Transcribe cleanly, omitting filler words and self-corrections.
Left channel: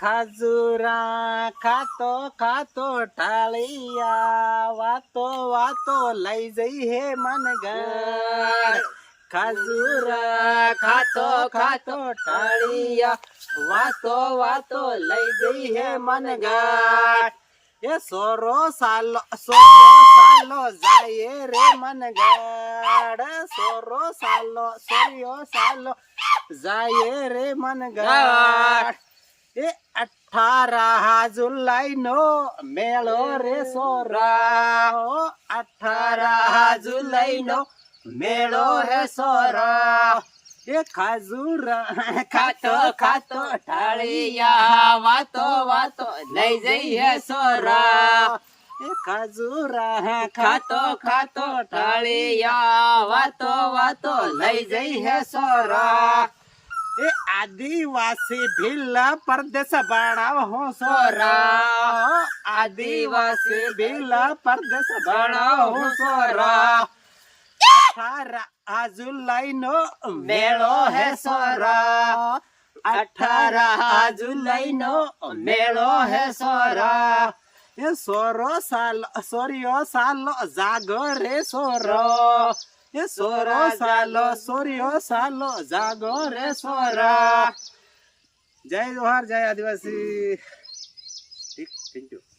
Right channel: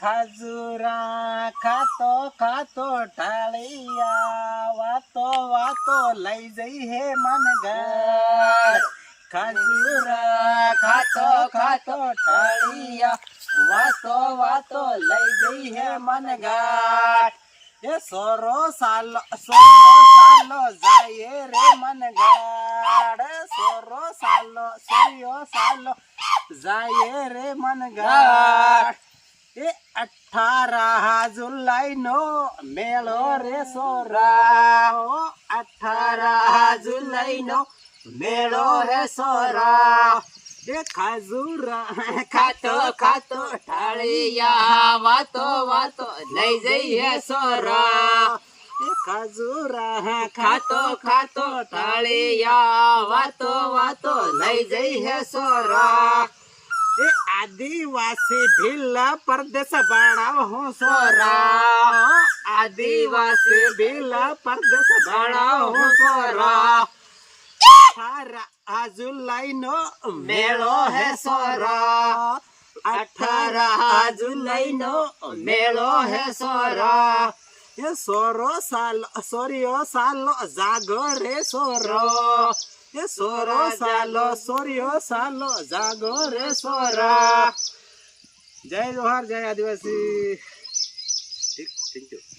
ખાજુરા ખાતો ખાતો ટાળિયા વાતો વાતો લઈ જઈ હે મનગર ખાજુરા ખાતો ખાતો ટાળિયા વાતો વાતો લઈ જઈ હે મનગર એ સોરો સાલો જાય રે મનગર સોરો સાલો જાય રે મનગર એ 18 જુલાઈ નો મેળો રે સોરા 18 જુલાઈ નો મેળો હે સોરા એ ખાજુરા ખાતો ખાતો ટાળિયા વાતો વાતો લઈ જઈએ સોરા એ ખાજુરા ખાતો ખાતો ટાળિયા વાતો વાતો લઈ જઈએ સોરા એ આદિવાસી ભીલા પરદેશ ભણાવ હો સોરા આદિવાસી ભીલા પરદેશ ભણાવ હો સોરા 18 જુલાઈ નો મેળો હે સોરા 18 જુલાઈ નો મેળો હે સોરા એ સોરિયો સાલો જાગો રે સોરો એ સોરિયો સાલો જાગો રે સોરા જય જોહાર જય આદિવાસી થેન્ક યુ